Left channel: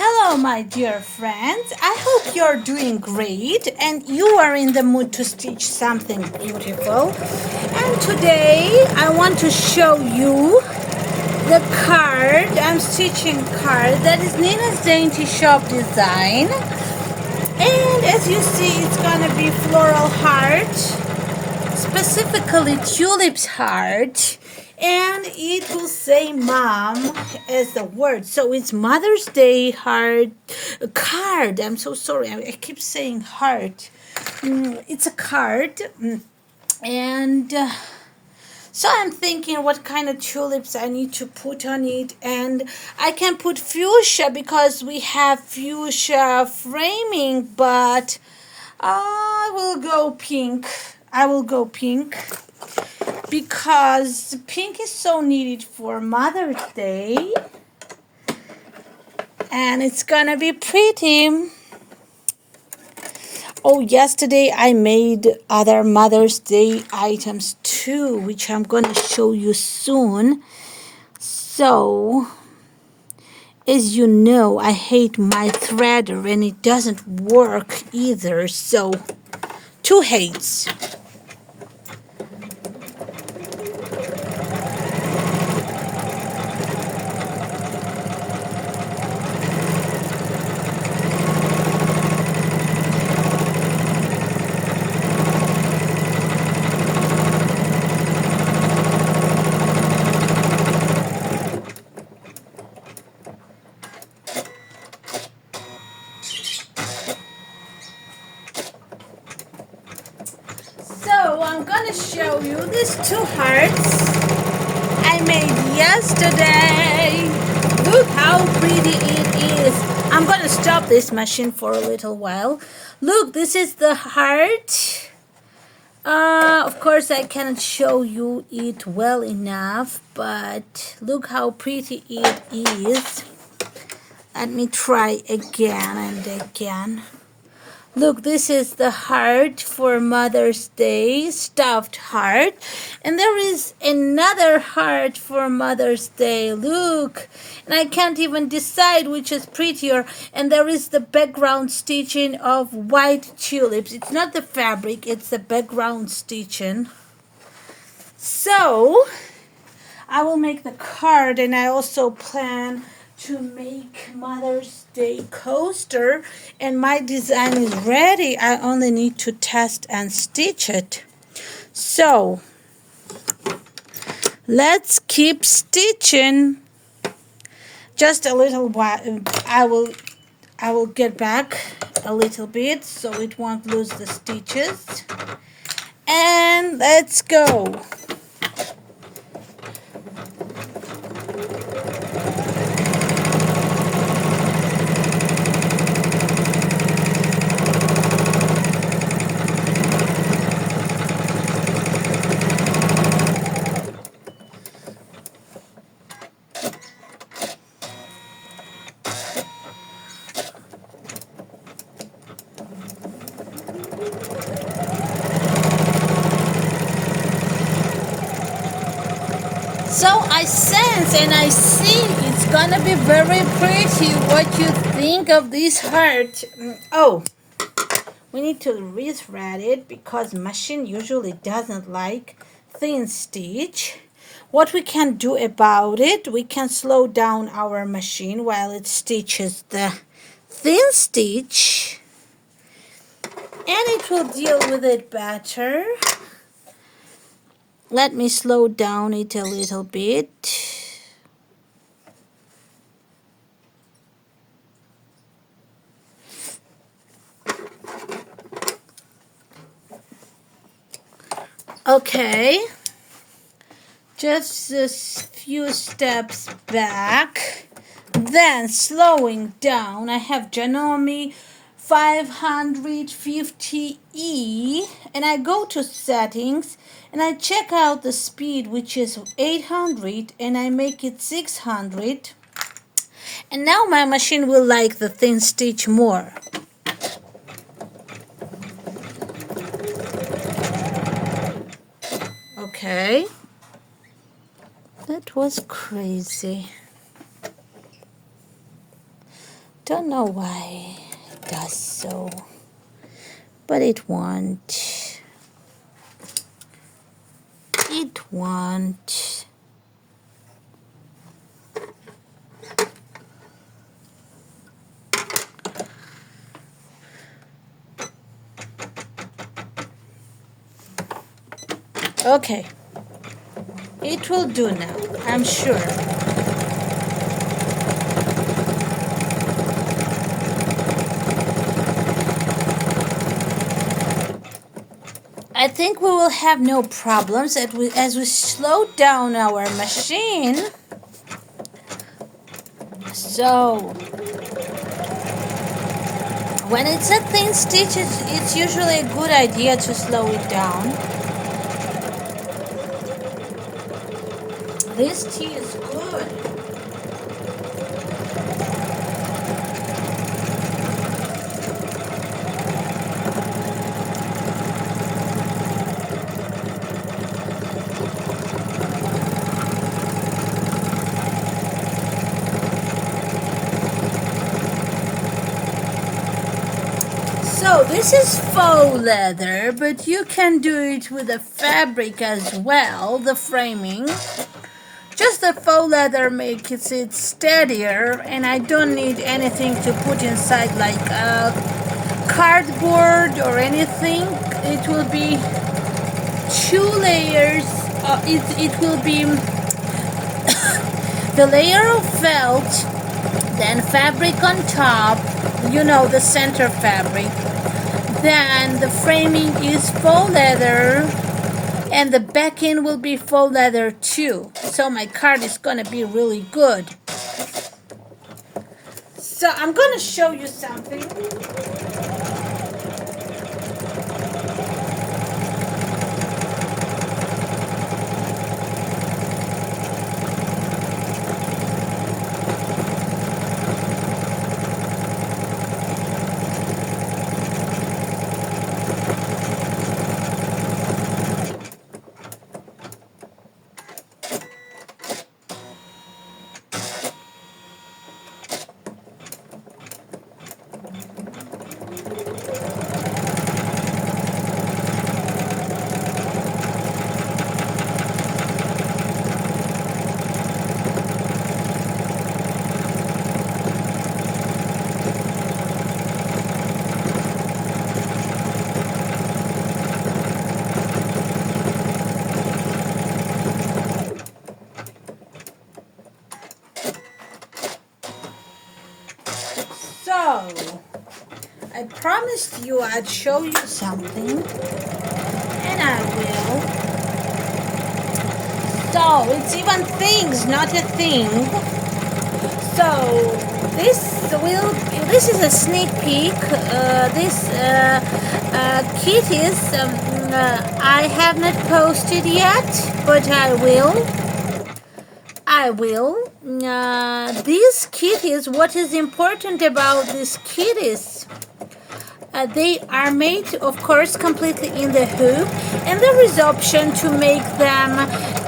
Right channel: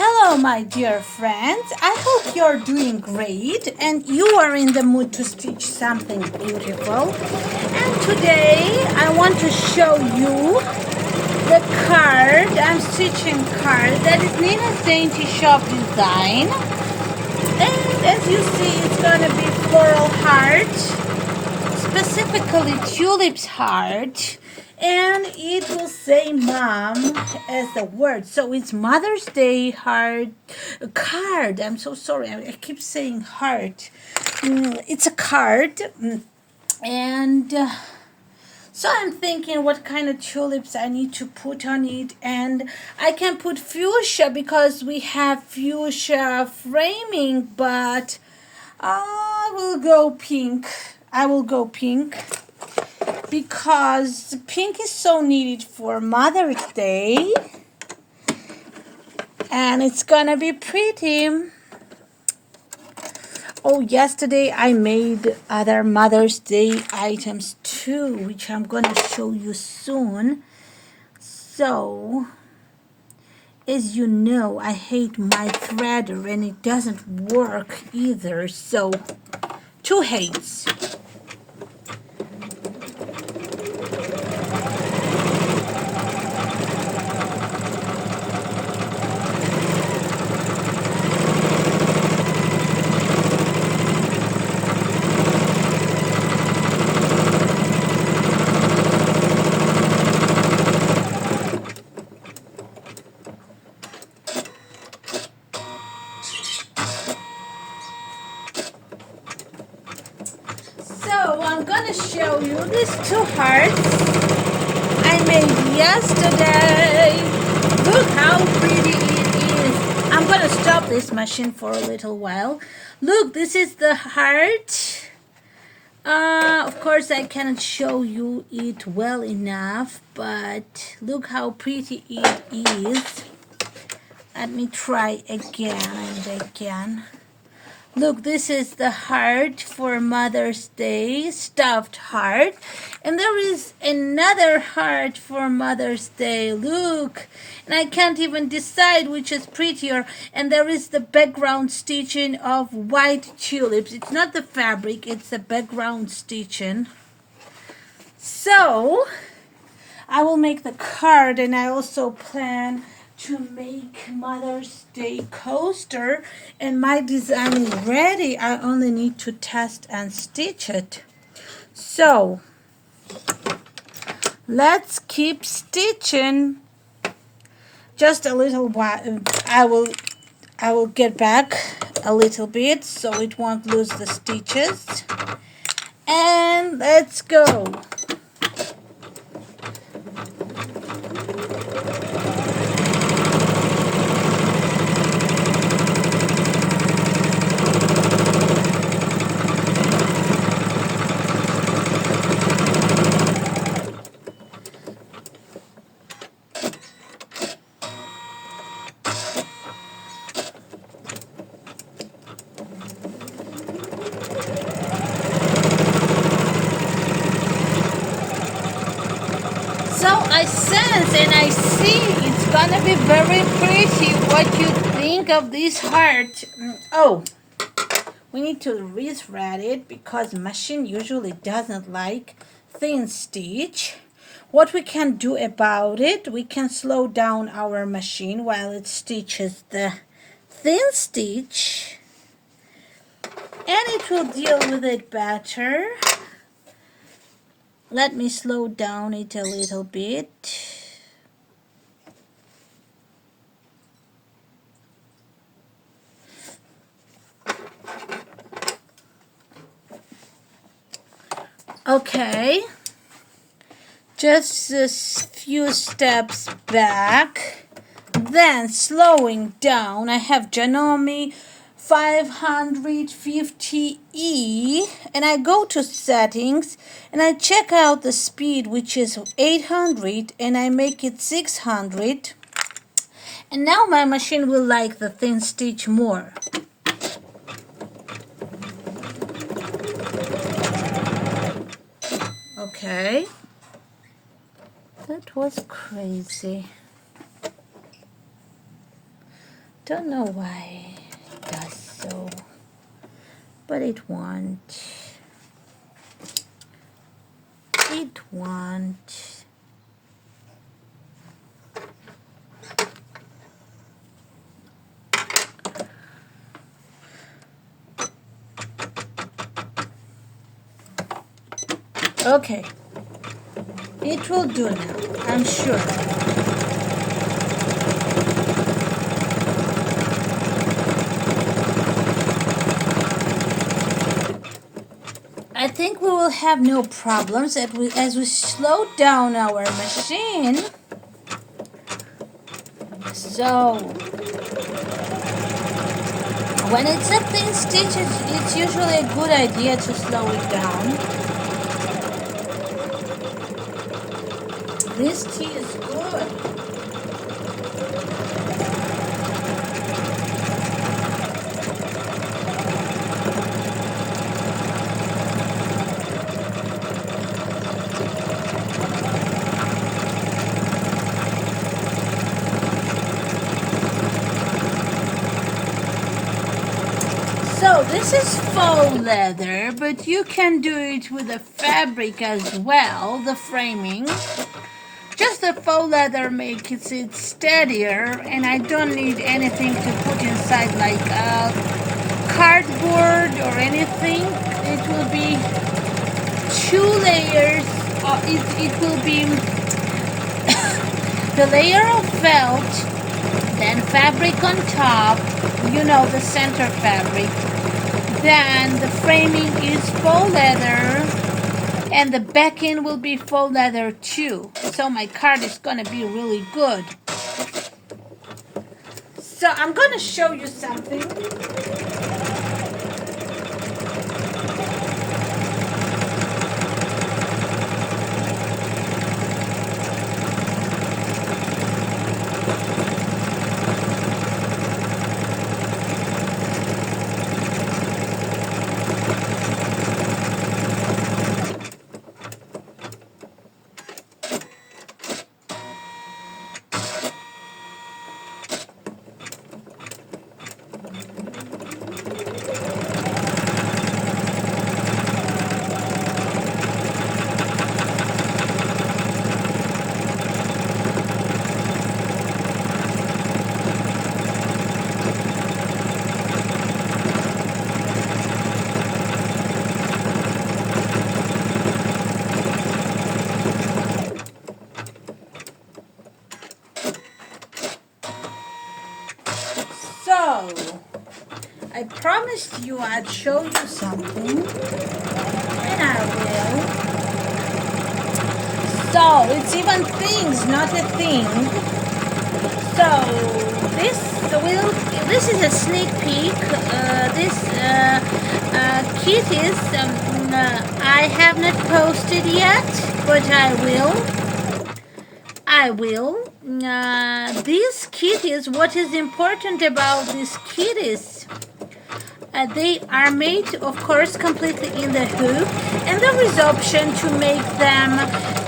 Hello, my dear friends. I hope you're doing great and you are in the mood to stitch something beautiful. And today I want to show you the card. I'm stitching card that is Nina's Dainty Shop design. And as you see, it's gonna be floral heart, specifically tulips heart, and it will say mom as the word, so it's Mother's Day heart card. I'm so sorry, I keep saying heart. It's a card. And so I'm thinking what kind of tulips I need to put on it, and I can put fuchsia because we have fuchsia framing, but I will go pink. I will go pink because pink is so needed for Mother's Day and it's gonna be pretty. Oh, yesterday I made other Mother's Day items too, which I'm gonna show you soon. So, as you know, I hate my threader and it doesn't work either, so two hates. So I'm gonna show you these two hearts I made yesterday. Look how pretty it is. I'm gonna stop this machine for a little while. Look, this is the heart. Of course I cannot show you it well enough, but look how pretty it is. Let me try again and again. Look, this is the heart for Mother's Day, stuffed heart. And there is another heart for Mother's Day. Look, and I can't even decide which is prettier. And there is the background stitching of white tulips. It's not the fabric, it's the background stitching. So, I will make the card, and I also plan to make Mother's Day coaster, and my design is ready. I only need to test and stitch it. So let's keep stitching. Just a little while. I will get back a little bit so it won't lose the stitches, and let's go. So I sense and I see it's gonna be very pretty. What you think of this heart? Oh, we need to rethread it because machine usually doesn't like thin stitch. What we can do about it, we can slow down our machine while it stitches the thin stitch, and it will deal with it better. Let me slow down it a little bit. Okay, just a few steps back, then slowing down. I have Janome 550E, and I go to settings and I check out the speed, which is 800, and I make it 600, and now my machine will like the thin stitch more. Okay, that was crazy. Don't know why it does so, but it won't. It won't. Okay, it will do now, I'm sure. I think we will have no problems as we slow down our machine. So, when it's a thin stitch, it's usually a good idea to slow it down. This tea is good. So this is faux leather, but you can do it with the fabric as well, the framing. Just the faux leather makes it steadier, and I don't need anything to put inside like cardboard or anything. It will be 2 layers. It will be the layer of felt, then fabric on top, you know, the center fabric. Then the framing is faux leather, and the back end will be faux leather too. So my card is gonna be really good. So I'm gonna show you something. So, I promised you I'd show you something, and I will. So, it's even things, not a thing. So, this is a sneak peek. This kit is, I have not posted yet, but I will. This kit is, what is important about this kit is they are made, of course, completely in the hoop, and there is option to make them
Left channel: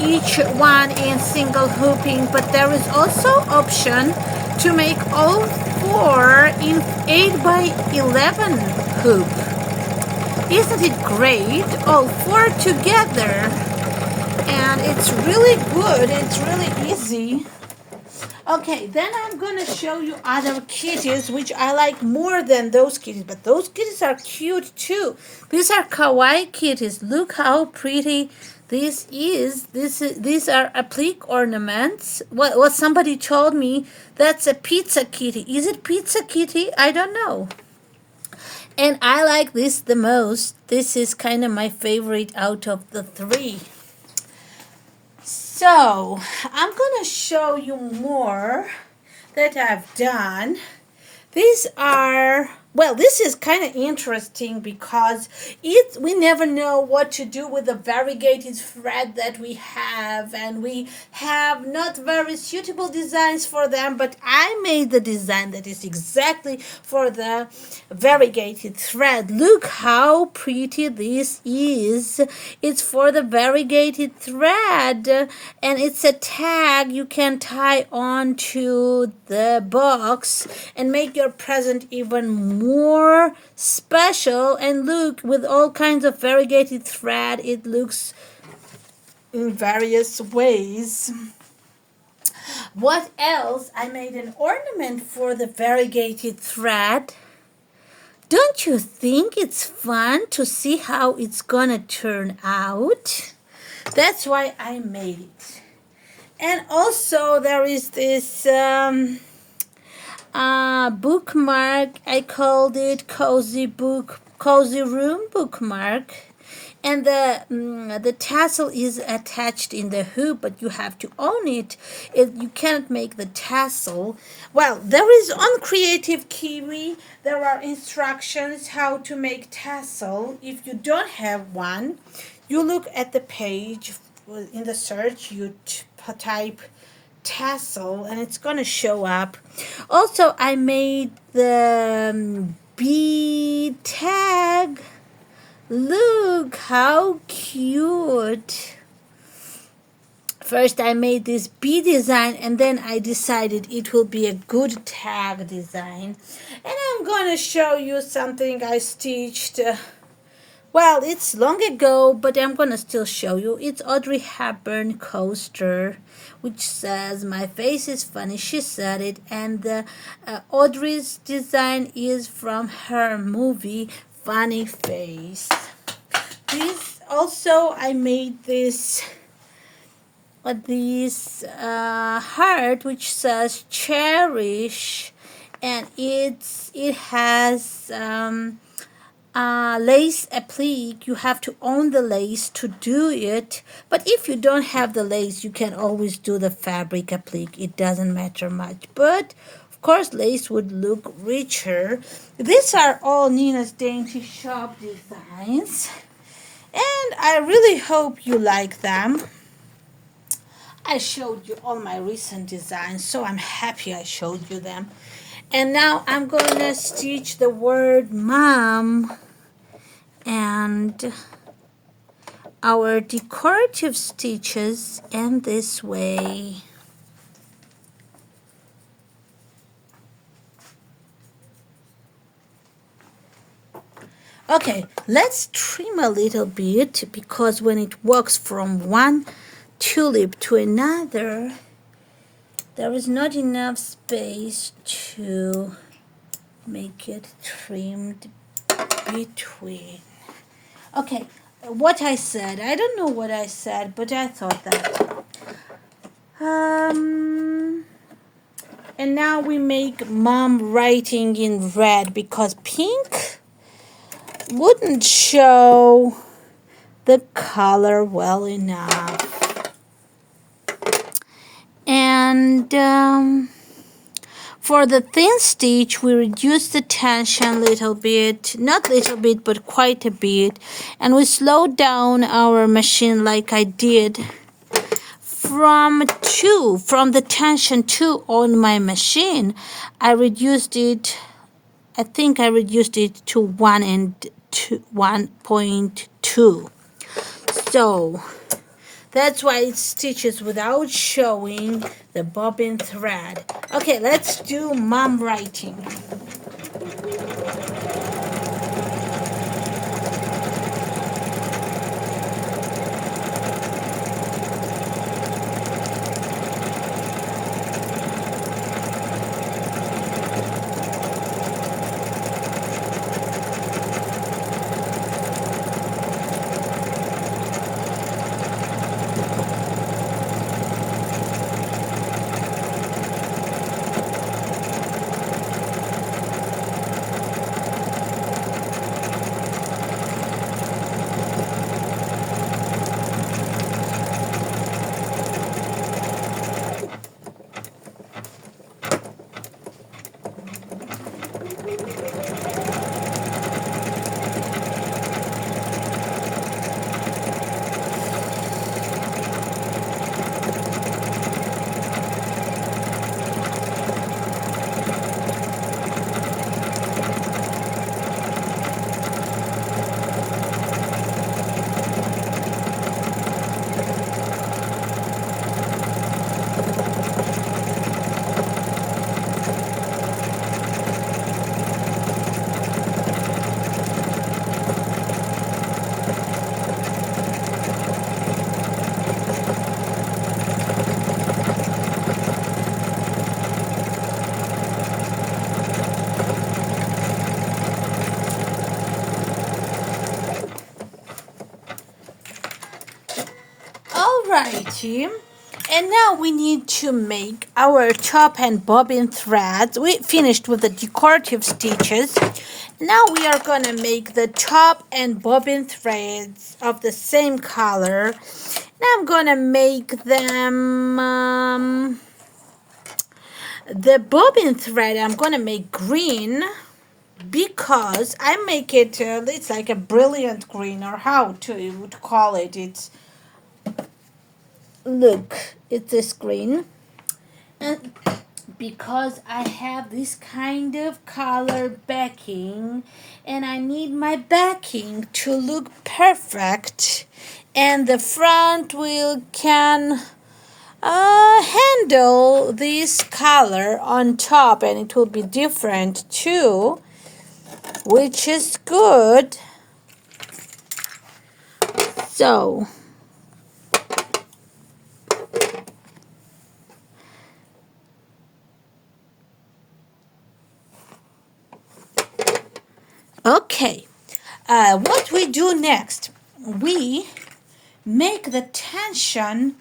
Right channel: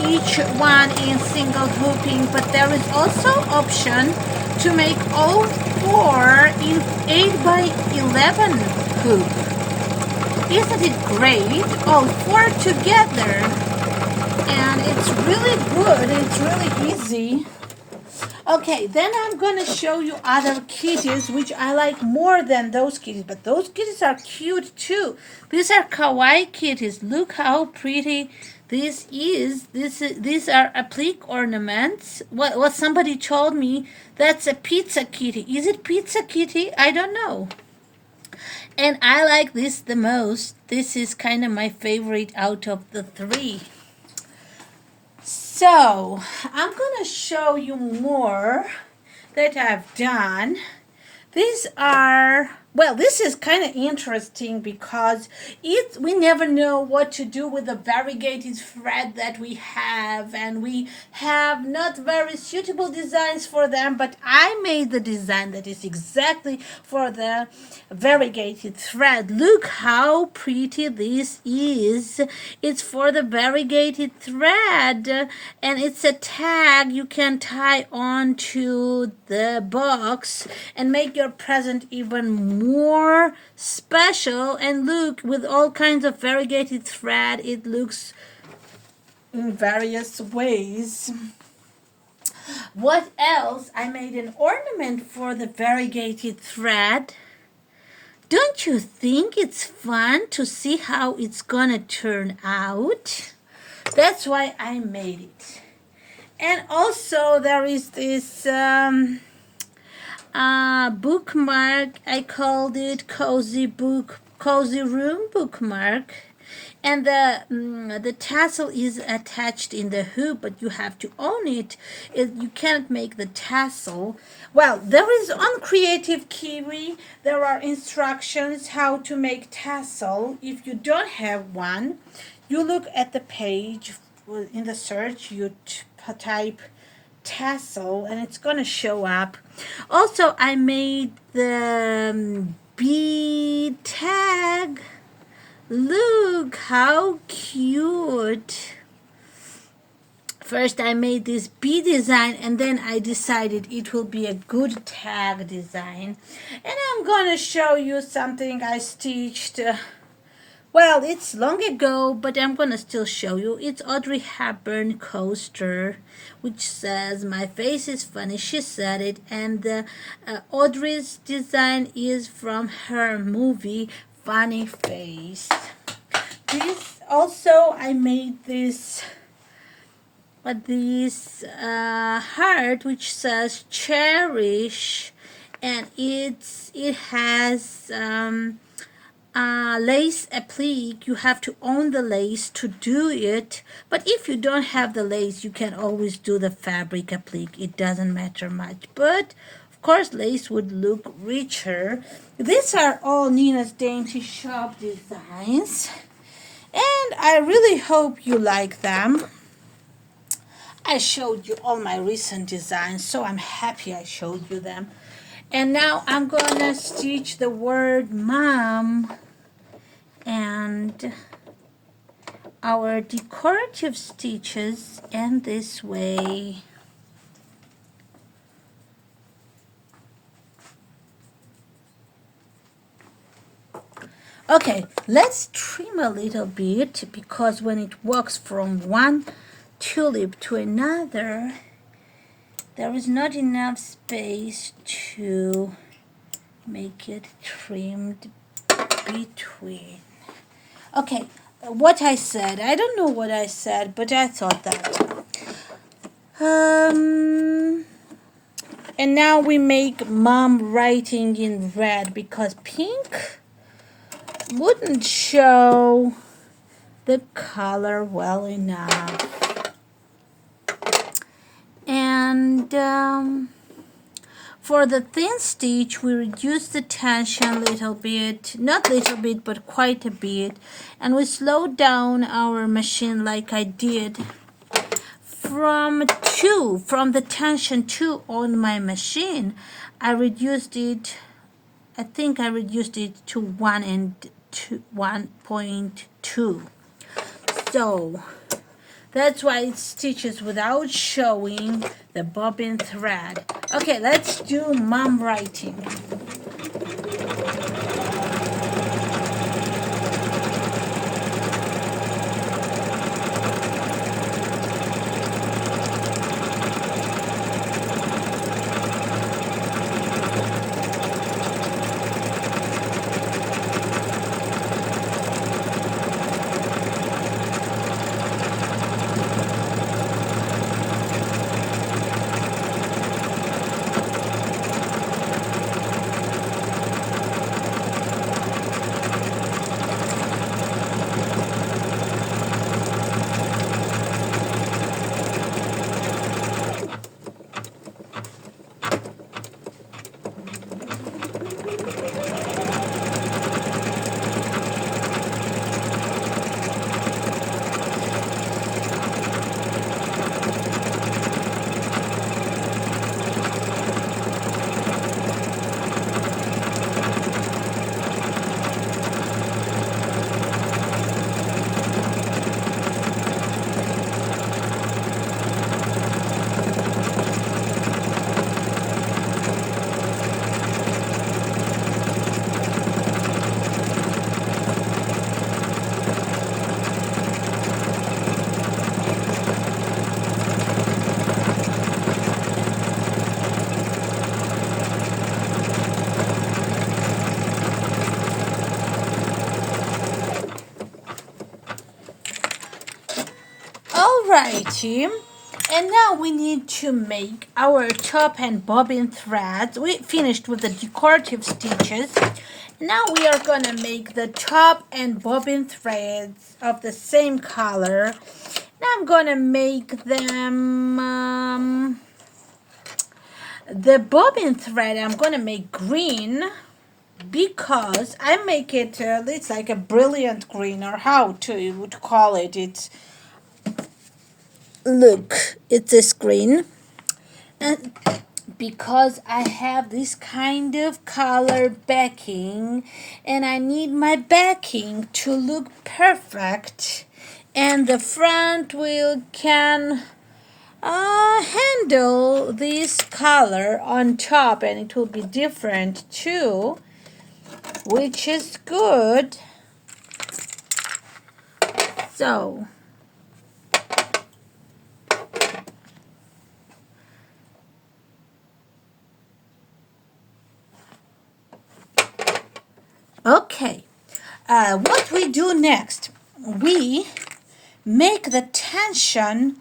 each one in single hooping, but there is also option to make all 4 in 8x11 hoop. Isn't it great? All 4 together. And it's really good. It's really easy. Okay, then I'm going to show you other kitties, which I like more than those kitties. But those kitties are cute too. These are kawaii kitties. Look how pretty this is. These are applique ornaments. What somebody told me, that's a pizza kitty. Is it pizza kitty? I don't know. And I like this the most. This is kind of my favorite out of the 3. So, I'm going to show you more that I've done. These are Well, this is kind of interesting because we never know what to do with the variegated thread that we have, and we have not very suitable designs for them, but I made the design that is exactly for the variegated thread. Look how pretty this is. It's for the variegated thread, and it's a tag you can tie on to the box and make your present even more special. And look, with all kinds of variegated thread, it looks in various ways. What else? I made an ornament for the variegated thread. Don't you think it's fun to see how it's gonna turn out? That's why I made it. And also there is this bookmark. I called it cozy room bookmark, and the tassel is attached in the hoop, but you have to own it. You can't make the tassel. Well, there is on Creative Kiwi, there are instructions how to make tassel. If you don't have one, you look at the page in the search, you type tassel and it's gonna show up. Also, I made the bee tag. Look how cute. First I made this bee design, and then I decided it will be a good tag design. And I'm gonna show you something I stitched. Well, it's long ago, but I'm gonna still show you. It's Audrey Hepburn coaster, which says, "My face is funny, she said it." And Audrey's design is from her movie Funny Face. This also, I made this heart which says cherish, and it has lace applique. You have to own the lace to do it, but if you don't have the lace, you can always do the fabric applique. It doesn't matter much, but of course lace would look richer. These are all Nina's Dainty Shop designs, and I really hope you like them. I showed you all my recent designs, so I'm happy I showed you them. And now I'm gonna stitch the word mom and our decorative stitches in this way. Okay, let's trim a little bit, because when it walks from one tulip to another, there is not enough space to make it trimmed between. Okay, what I said, I don't know what I said, but I thought that. And now we make mom writing in red, because pink wouldn't show the color well enough. And for the thin stitch, we reduced the tension a little bit, not little bit, but quite a bit, and we slowed down our machine like I did from the tension 2 on my machine. I reduced it, I think I reduced it to 1.2. So that's why it stitches without showing the bobbin thread. Okay, let's do mom writing. Dainty. And now we need to make our top and bobbin threads. We finished with the decorative stitches. Now we are going to make the top and bobbin threads of the same color. And I'm going to make them, the bobbin thread I'm going to make green, because I make it, it's like a brilliant green, or how to you would call it. It's, look, it's this green. And because I have this kind of color backing, and I need my backing to look perfect, and the front wheel can handle this color on top, and it will be different too, which is good. So okay, what we do next, we make the tension.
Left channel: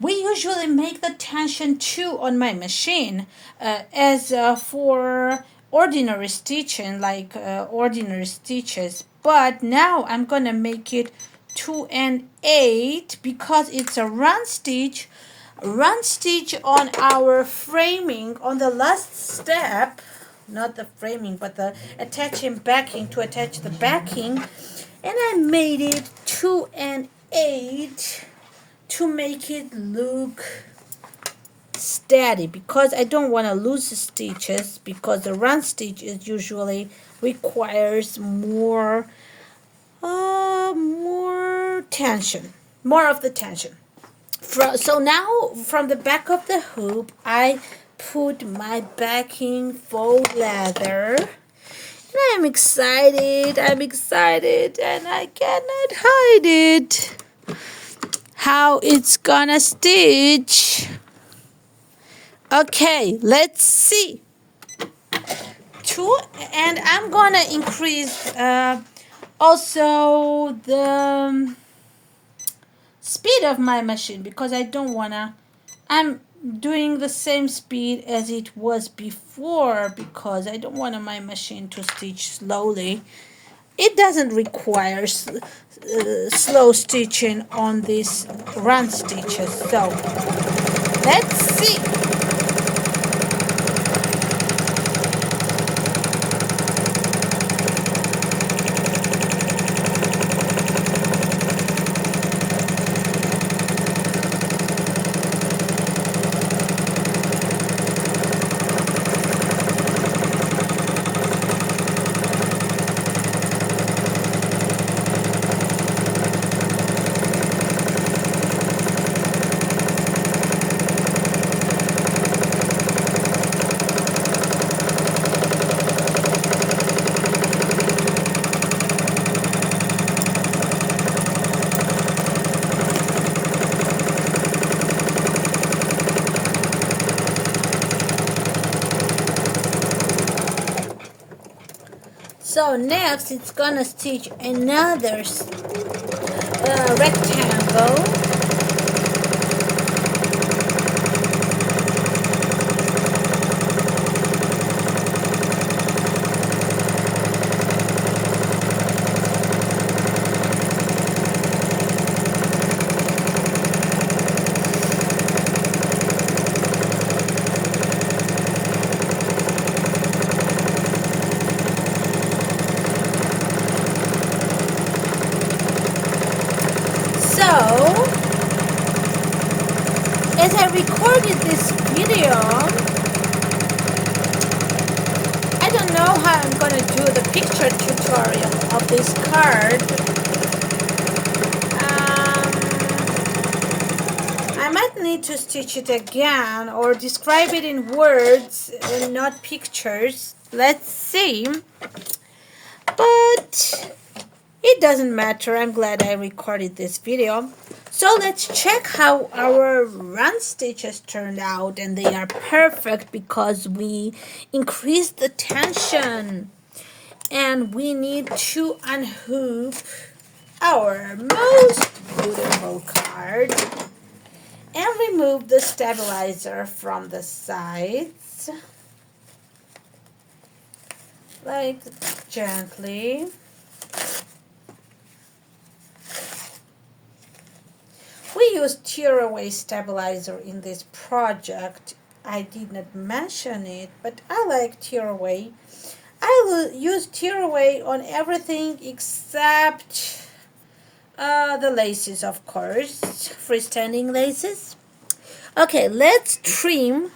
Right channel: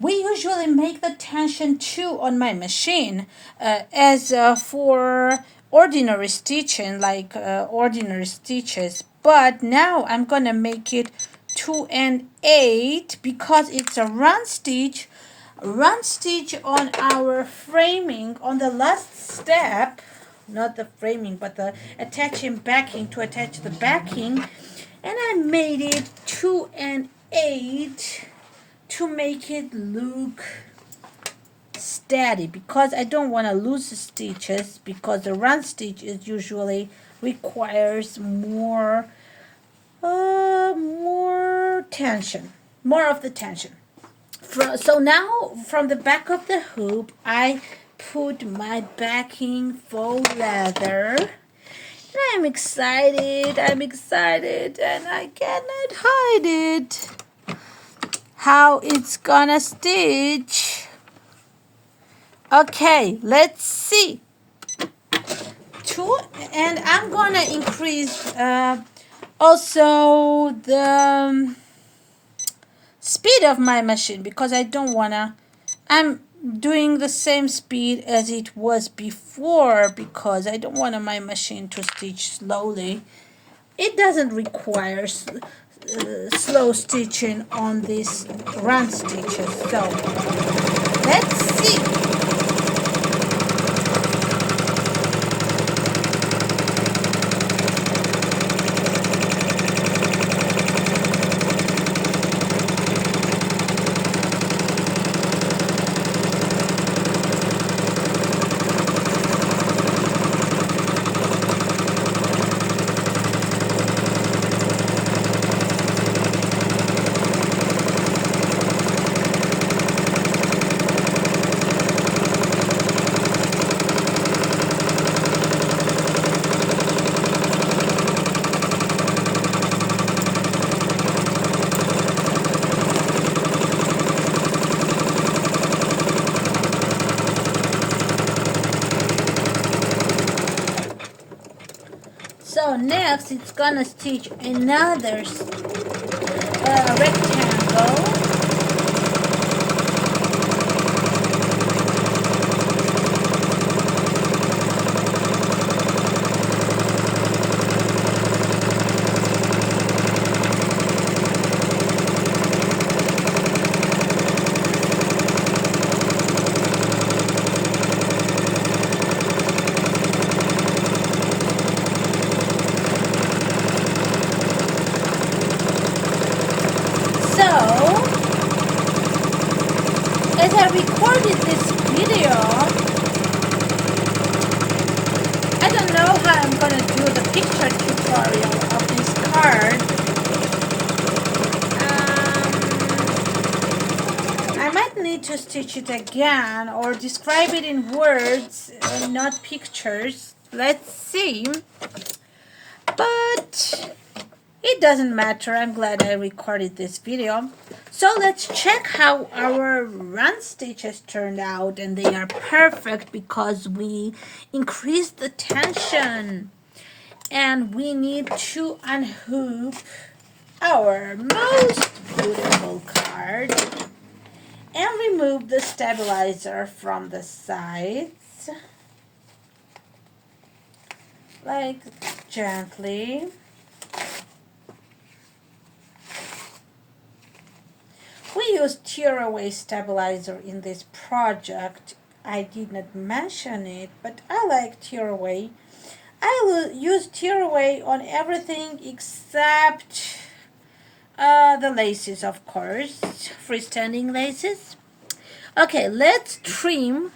We usually make the tension 2 on my machine as for ordinary stitching, like ordinary stitches. But now I'm going to make it 2 and 8 because it's a run stitch. Run stitch on our framing on the last step, not the framing, but the attaching backing, to attach the backing. And I made it 2 and 8 to make it look steady, because I don't want to lose stitches, because the run stitch is usually requires more tension, more of the tension. So now from the back of the hoop I put my backing faux leather. And I'm excited, and I cannot hide it. How it's gonna stitch. Okay, let's see. 2, and I'm gonna increase also the speed of my machine, because I don't wanna, I'm doing the same speed as it was before, because I don't want my machine to stitch slowly. It doesn't require slow stitching on these run stitches. So let's see. So next it's gonna stitch another rectangle. As I recorded this video, I don't know how I'm going to do the picture tutorial of this card. I might need to stitch it again or describe it in words and not pictures. Let's see. But it doesn't matter. I'm glad I recorded this video. So let's check how our run stitches turned out, and they are perfect because we increased the tension. And we need to unhook our most beautiful card. and remove the stabilizer from the sides, like gently. We use tearaway stabilizer in this project. I did not mention it, but I like tearaway. I will use tearaway on everything except the laces, of course, freestanding laces. Okay, let's trim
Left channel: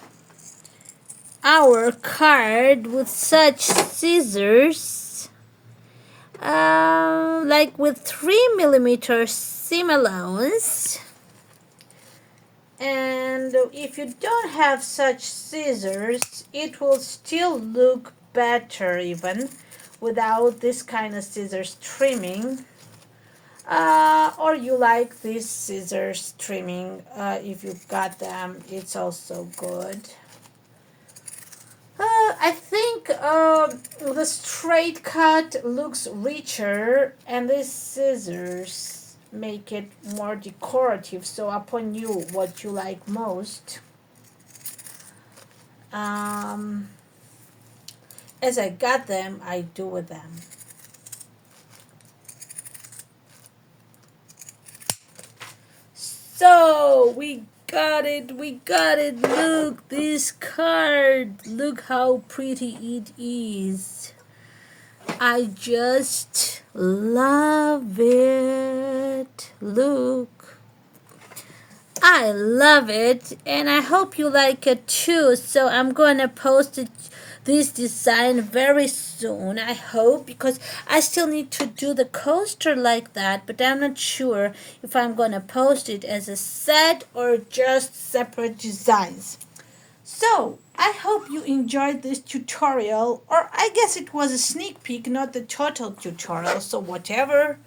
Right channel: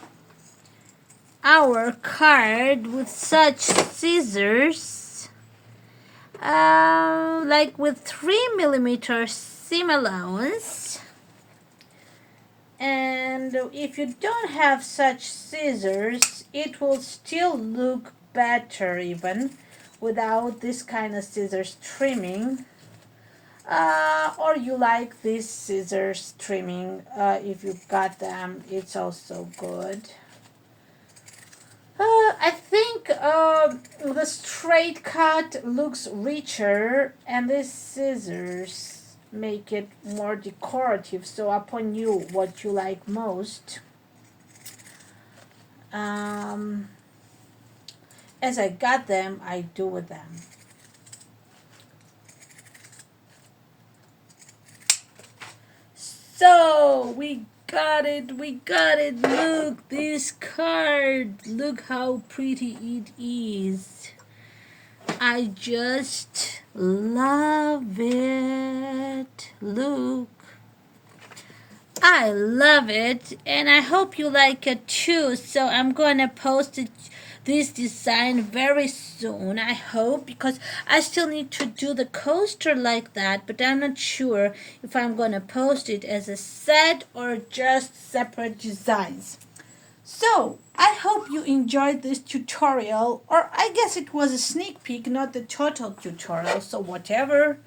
our card with such scissors, like with 3mm seam allowance. And if you don't have such scissors, it will still look better even without this kind of scissors trimming. Or you like these scissors trimming, if you've got them, it's also good. I think the straight cut looks richer, and these scissors make it more decorative. So upon you, what you like most. As I got them, I do with them. So we got it. Look, this card. Look how pretty it is. I just love it. Look. I love it, and I hope you like it too. So I'm gonna post this design very soon, I hope, because I still need to do the coaster like that, but I'm not sure if I'm gonna post it as a set or just separate designs. So I hope you enjoyed this tutorial, or I guess it was a sneak peek, not the total tutorial, so whatever.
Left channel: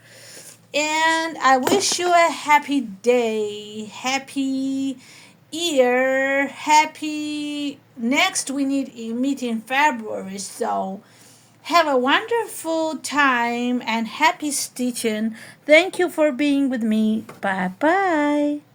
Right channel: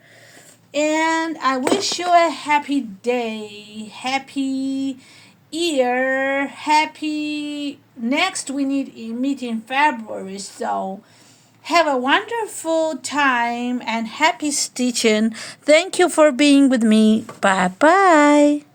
And I wish you a happy day, happy year, happy next we meet in February. So have a wonderful time and happy stitching. Thank you for being with me. Bye bye.